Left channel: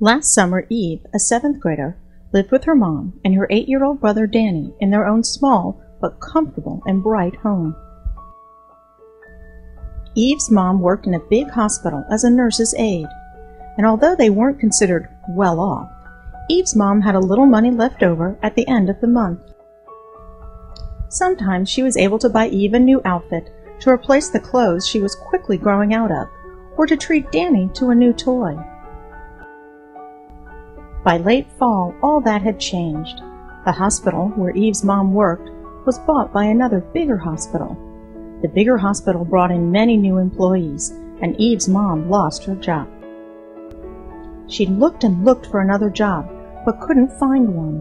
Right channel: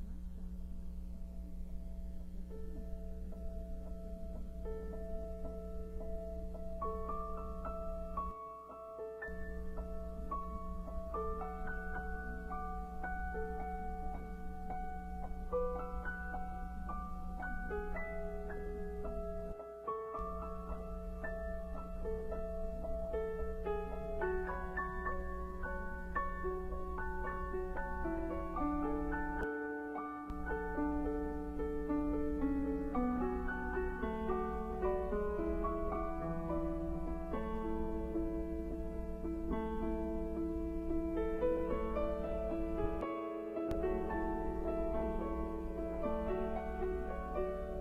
Last summer, Eve, a 7th grader, lived with her mom and her 8-year-old brother Danny in their own small but comfortable and bright home. Eve's mom worked in a big hospital as a nurse's aide, and although they weren't considered well off, Eve's mom had a little money left over at the end of the month. Sometimes she was able to buy Eve a new outfit to replace the clothes she was quickly growing out of, or to treat Danny to a new toy. By late fall, all that had changed. The hospital where Eve's mom worked was bought by another bigger hospital. The bigger hospital brought in many new employees, and Eve's mom lost her job. She looked and looked for another job, but couldn't find one.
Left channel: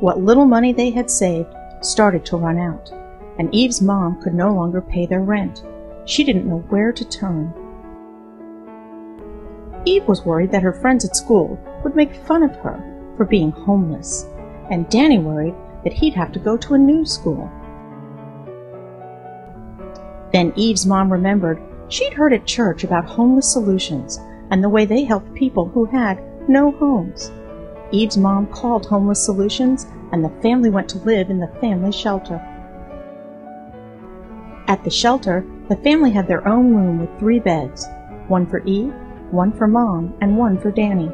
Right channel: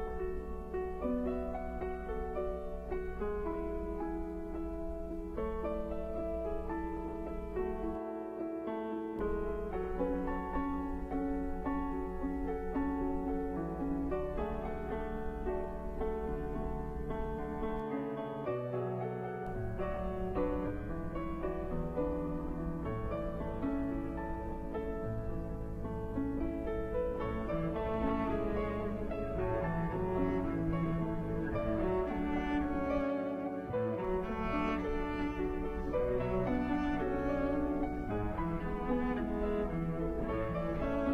What little money they had saved started to run out, and Eve's mom could no longer pay their rent. She didn't know where to turn. Eve was worried that her friends at school would make fun of her for being homeless, and Danny worried that he'd have to go to a new school. Then Eve's mom remembered she'd heard at church about homeless solutions and the way they helped people who had no homes. Eve's mom called Homeless Solutions, and the family went to live in the family shelter. At the shelter, the family had their own room with 3 beds, one for Eve, one for Mom, and one for Danny.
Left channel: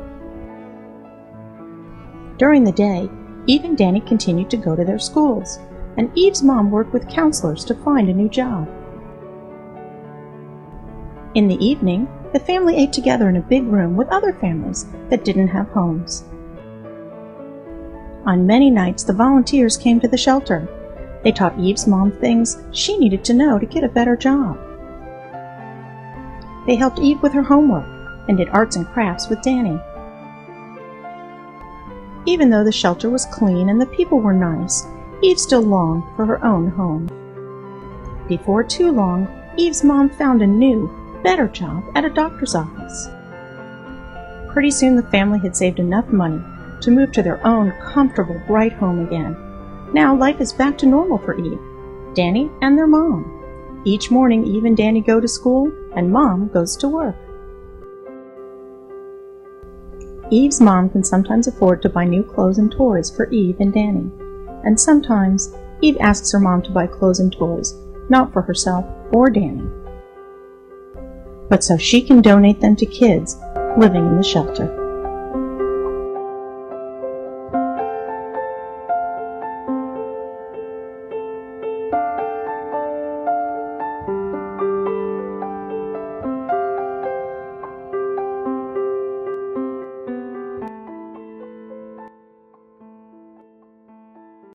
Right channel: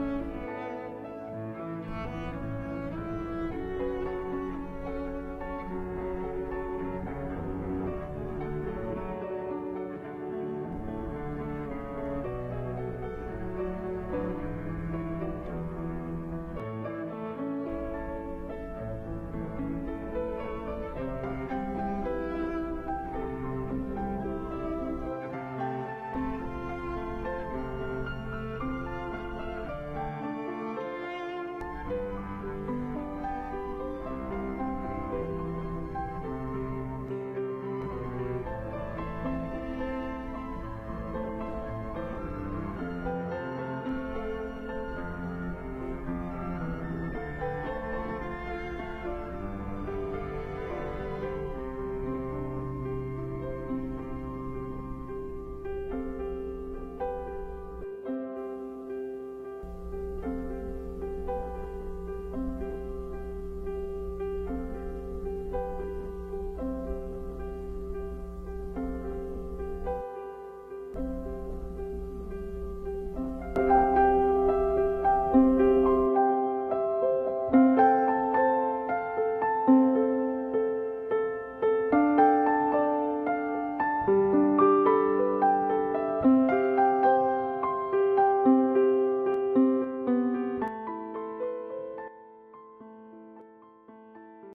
During the day, Eve and Danny continued to go to their schools, and Eve's mom worked with counselors to find a new job. In the evening, the family ate together in a big room with other families that didn't have homes. On many nights, the volunteers came to the shelter. They taught Eve's mom things she needed to know to get a better job. They helped Eve with her homework and did arts and crafts with Danny. Even though the shelter was clean and the people were nice, Eve still longed for her own home. Before too long, Eve's mom found a new, better job at a doctor's office. Pretty soon the family had saved enough money to move to their own comfortable, bright home again. Now life is back to normal for Eve, Danny, and their mom. Each morning, Eve and Danny go to school, and Mom goes to work. Eve's mom can sometimes afford to buy new clothes and toys for Eve and Danny, and sometimes Eve asks her mom to buy clothes and toys, not for herself or Danny, but so she can donate them to kids living in the shelter.